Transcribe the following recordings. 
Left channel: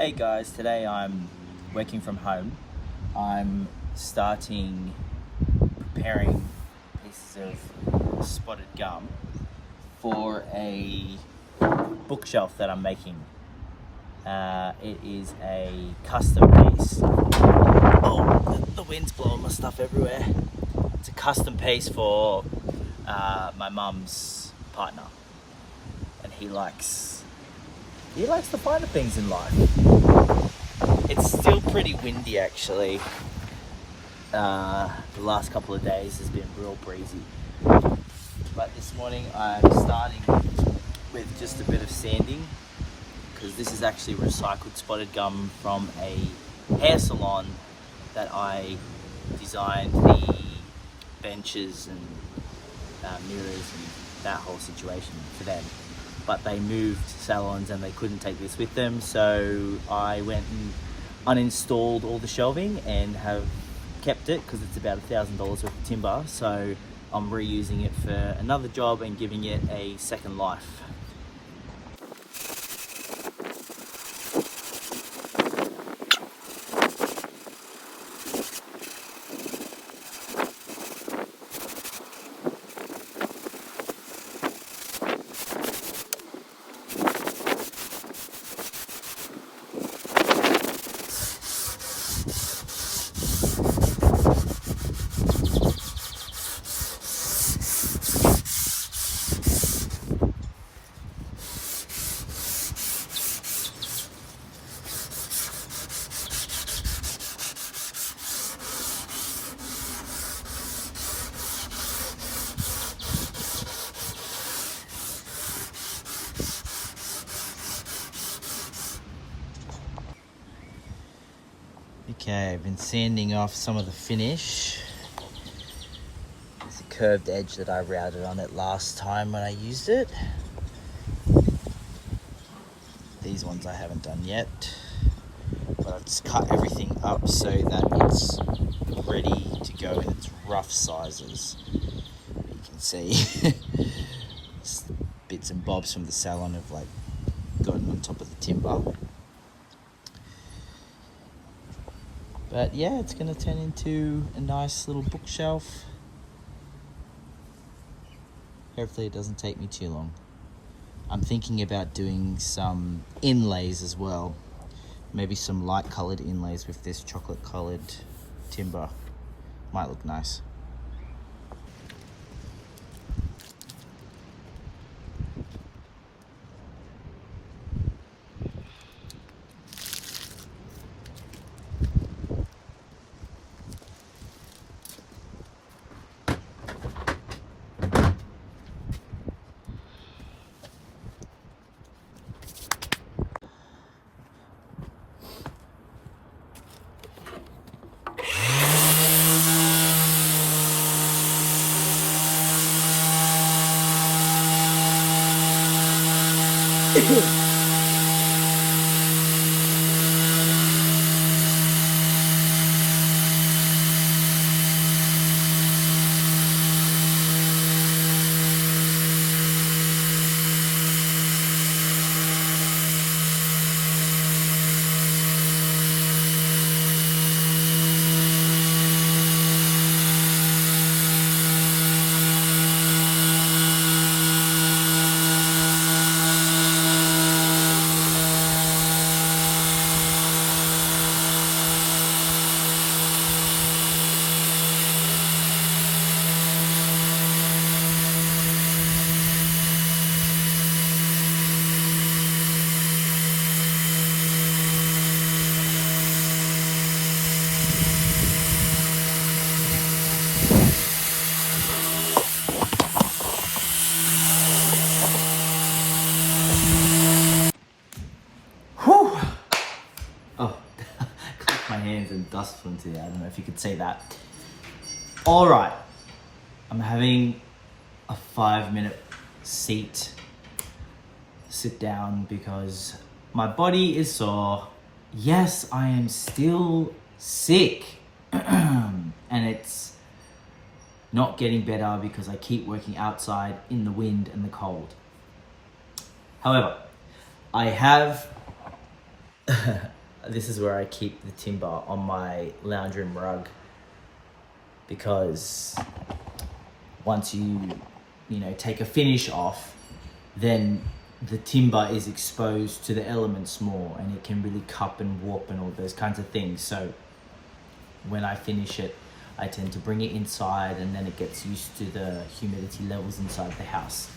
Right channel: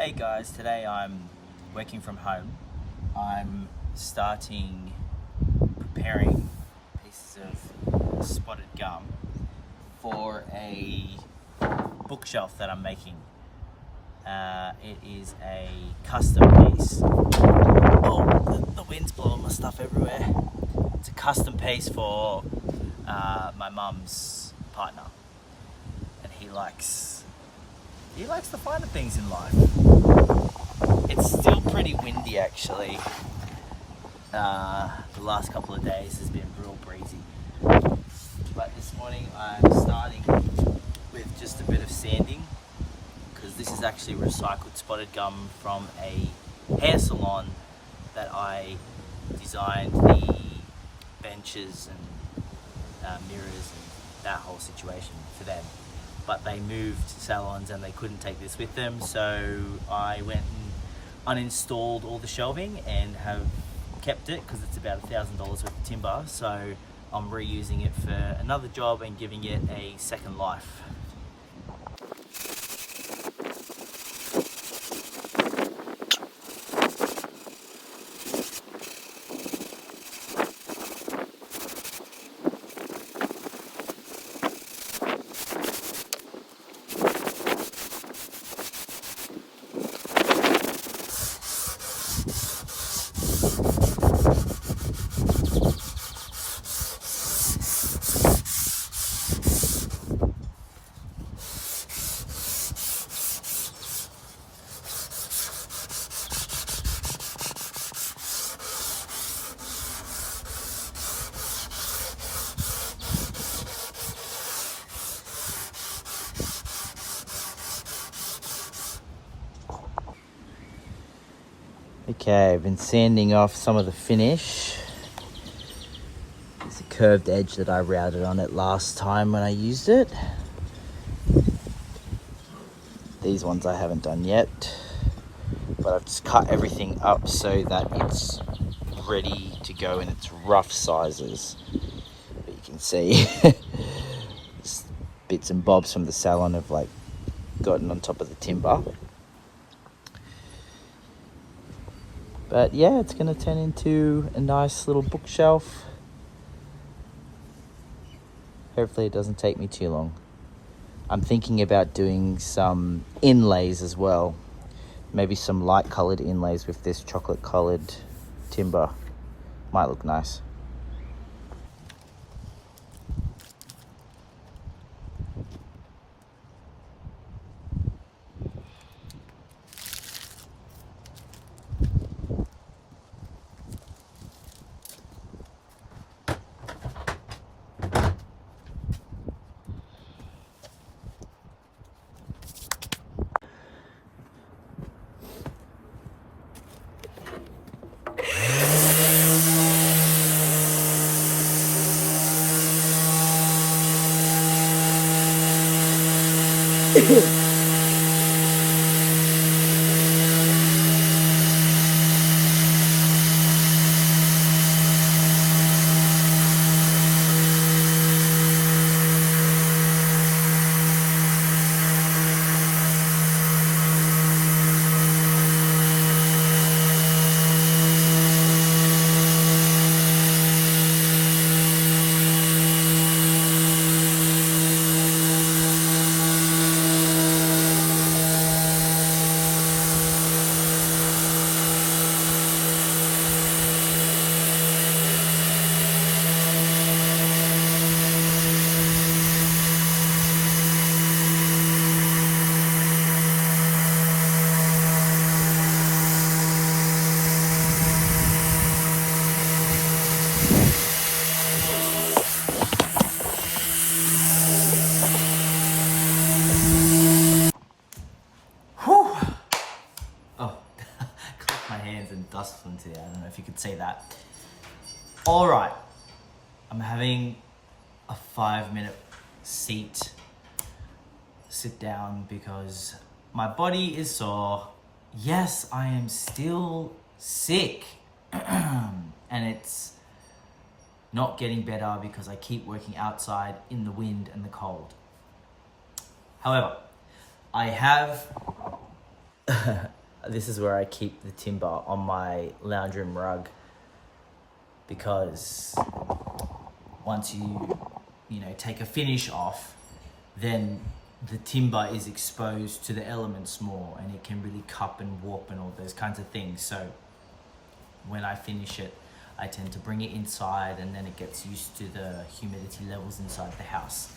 Hey guys, today I'm working from home. I'm preparing pieces of spotted gum for a bookshelf that I'm making. It is a custom piece. Oh, the wind's blowing my stuff everywhere. It's a custom piece for my mum's partner, and he likes the finer things in life. It's still pretty windy actually. The last couple of days has been real breezy. But this morning I'm starting with just a bit of sanding, because this is actually recycled spotted gum from a hair salon that I designed the benches and mirrors and that whole situation for them. But they moved salons and they couldn't take this with them, so I went and uninstalled all the shelving and have kept it because it's about $1,000 worth of timber, so I'm reusing it for another job and giving it a second life. Okay, I've been sanding off some of the finish. There's a curved edge that I routed on it last time when I used it. These ones I haven't done yet, but I've just cut everything up so that it's ready to go in its rough sizes. But you can see bits and bobs from the salon have like gotten on top of the timber. But yeah, it's gonna turn into a nice little bookshelf. Hopefully it doesn't take me too long. I'm thinking about doing some inlays as well. Maybe some light colored inlays with this chocolate colored timber. Might look nice. My hands and dust flew into there. I don't know if you could see that. All right, I'm having a 5-minute sit down because my body is sore. Yes, I am still sick and it's not getting better because I keep working outside in the wind and the cold. However, I have this is where I keep the timber on my lounge room rug, because once you take a finish off, then the timber is exposed to the elements more, and it can really cup and warp and all those kinds of things. So when I finish it, I tend to bring it inside, and then it gets used to the humidity levels inside the house.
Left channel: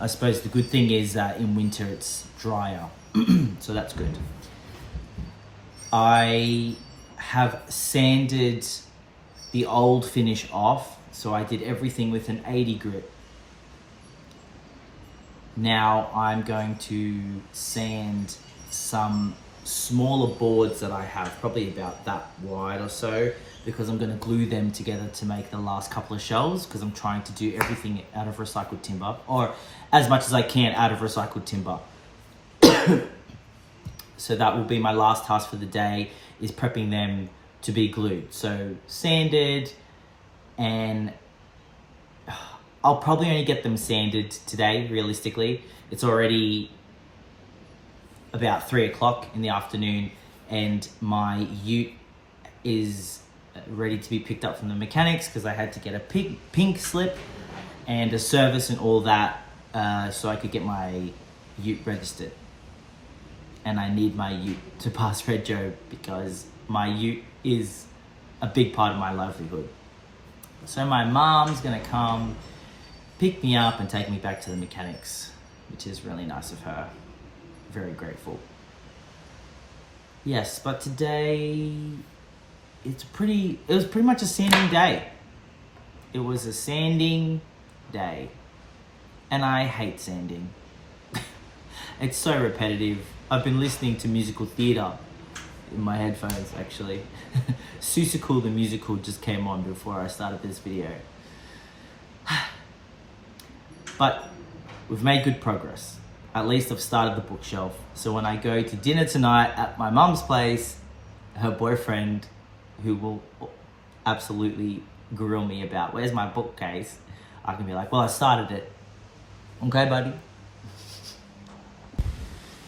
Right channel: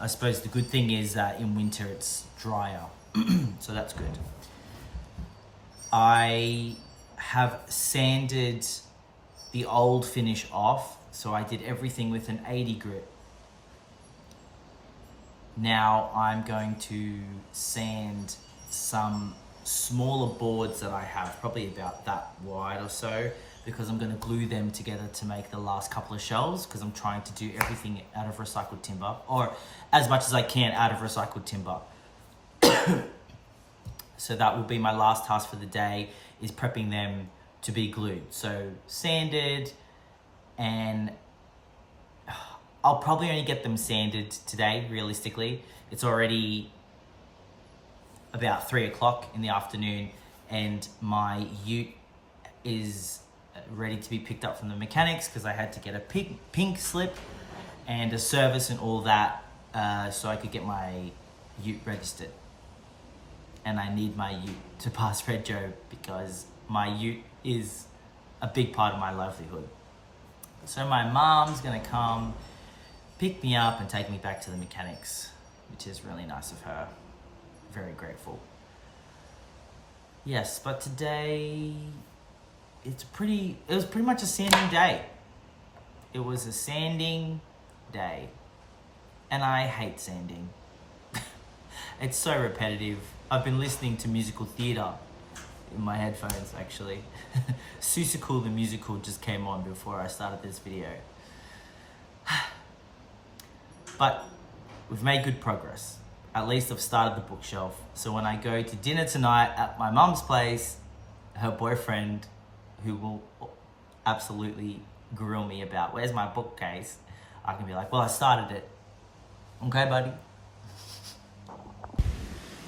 I suppose the good thing is that in winter it's drier, so that's good. I have sanded the old finish off, so I did everything with an 80 grit. Now I'm going to sand some smaller boards that I have, probably about that wide or so, because I'm going to glue them together to make the last couple of shelves, because I'm trying to do everything out of recycled timber, or as much as I can out of recycled timber. So that will be my last task for the day, is prepping them to be glued. So sanded, and I'll probably only get them sanded today, realistically. It's already about 3 o'clock in the afternoon, and my ute is ready to be picked up from the mechanics, because I had to get a pink slip and a service and all that, so I could get my ute registered. And I need my ute to pass Red Joe, because my ute is a big part of my livelihood. So my mom's gonna come pick me up and take me back to the mechanics, which is really nice of her. Very grateful. Yes, but today it was pretty much a sanding day. It was a sanding day, and I hate sanding. It's so repetitive. I've been listening to musical theatre in my headphones, actually. Seussical the musical just came on before I started this video. But we've made good progress. At least I've started the bookshelf. So when I go to dinner tonight at my mum's place, her boyfriend, who will absolutely grill me about, where's my bookcase? I can be like, well, I started it. Okay, buddy?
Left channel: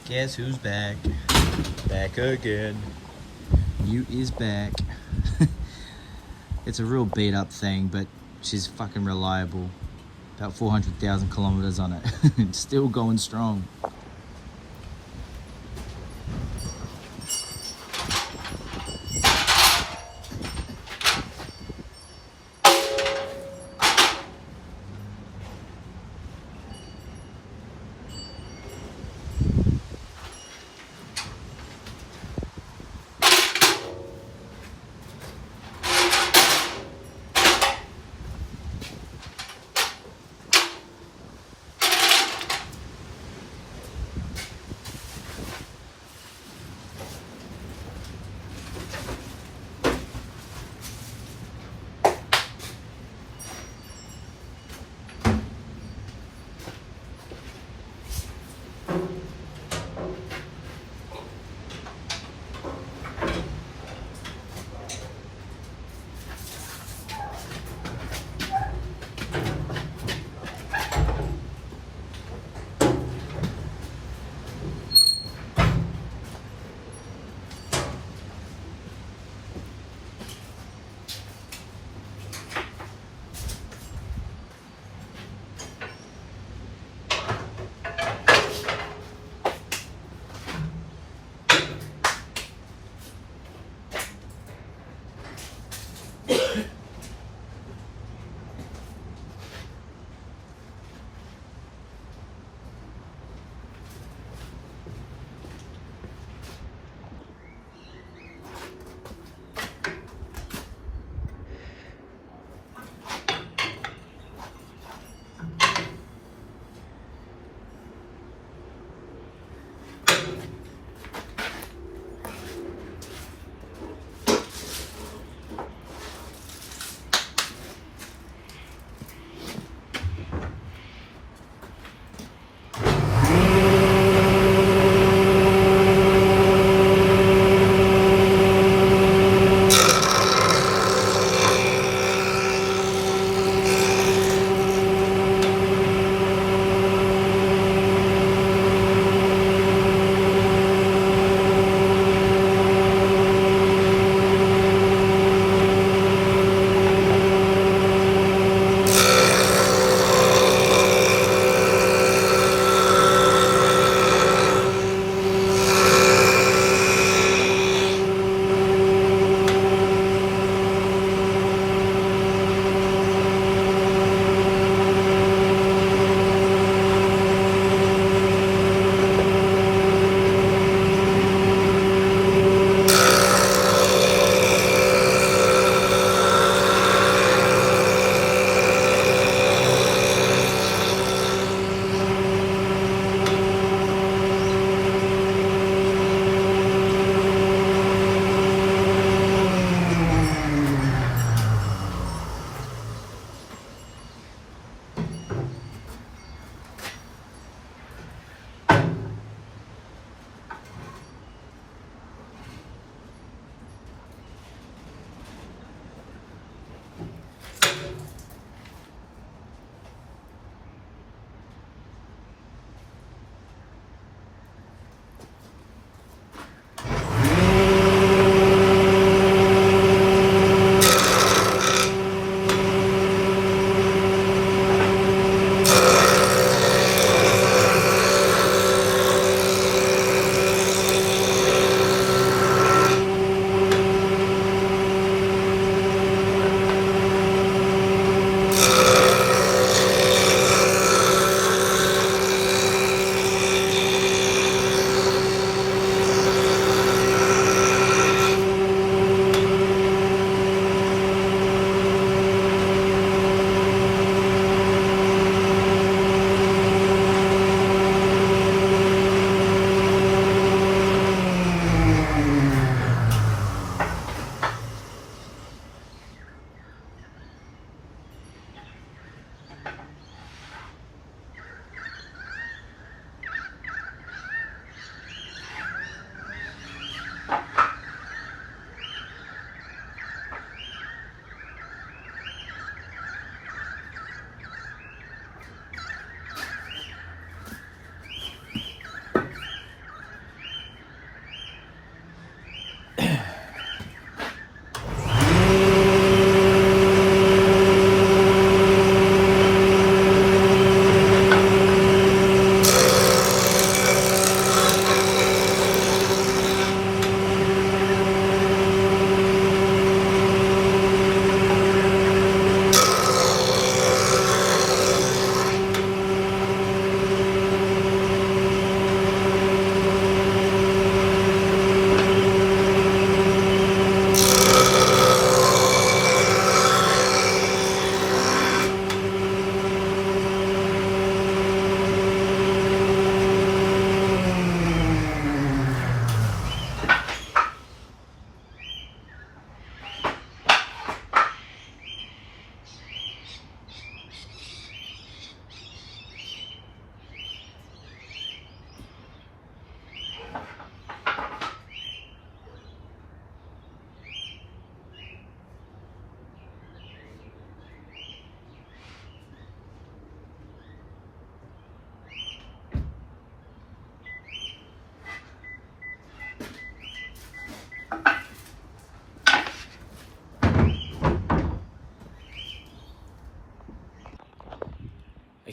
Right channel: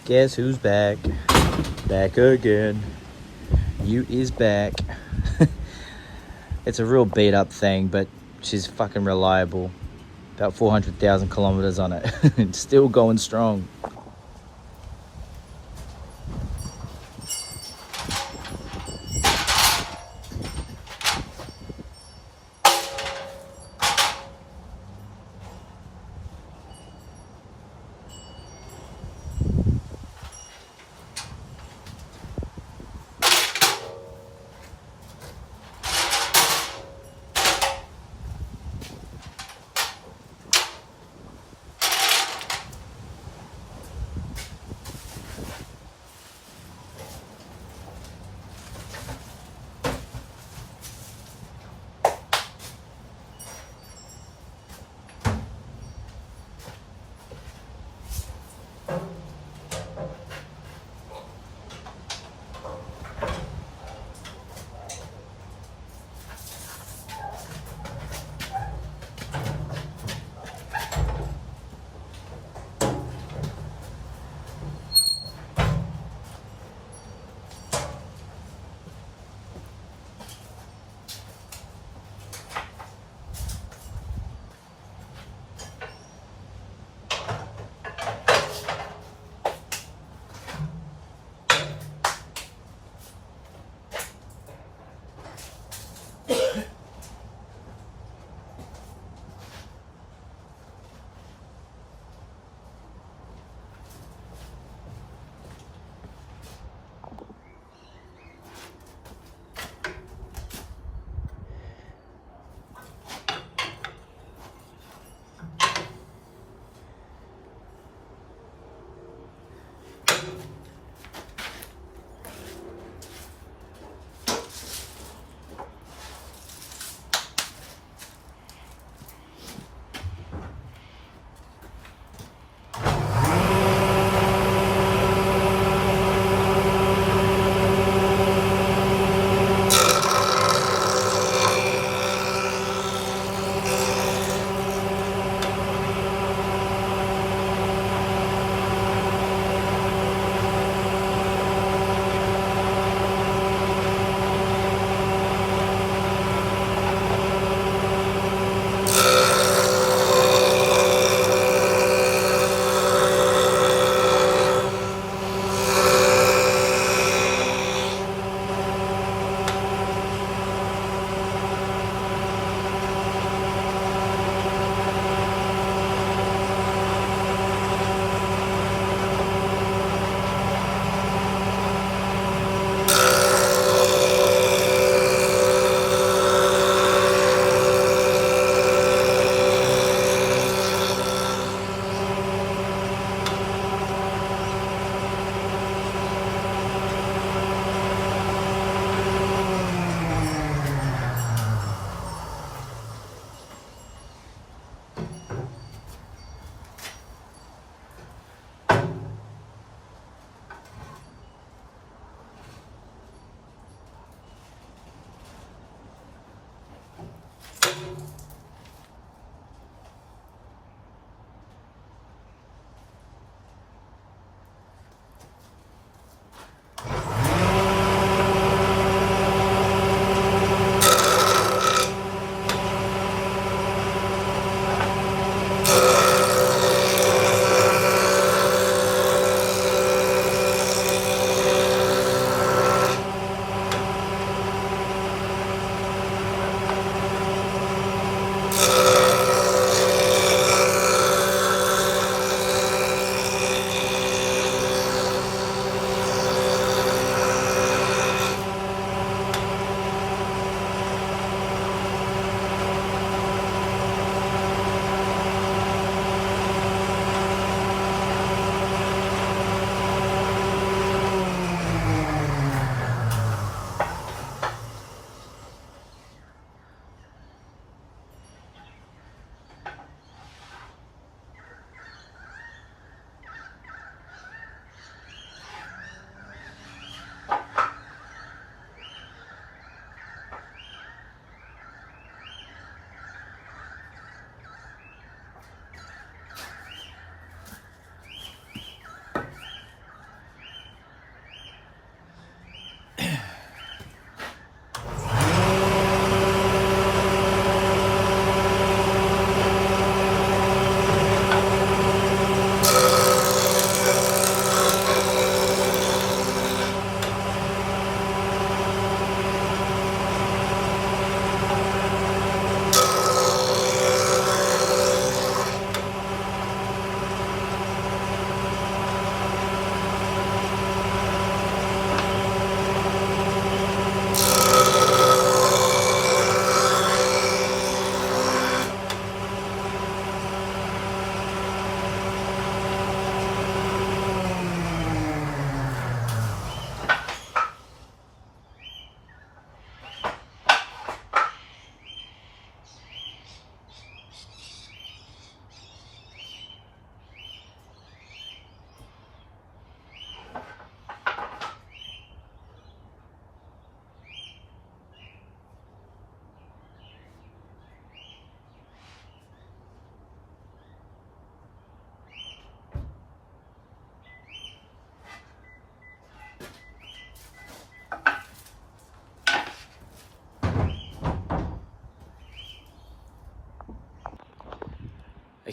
Guess who's back? Back again. You is back. It's a real beat up thing, but she's fucking reliable. About 400,000 kilometers on it. It's still going strong.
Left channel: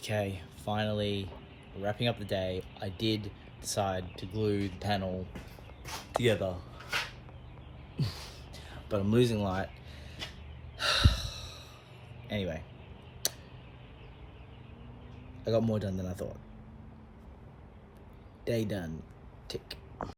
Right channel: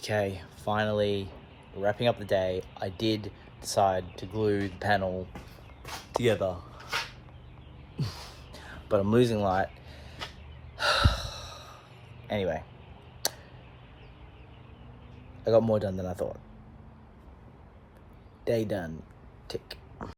Okay, finally wrapping up the day. I did decide to glue the panel together, but I'm losing light. Anyway, I got more done than I thought. Day done. Tick.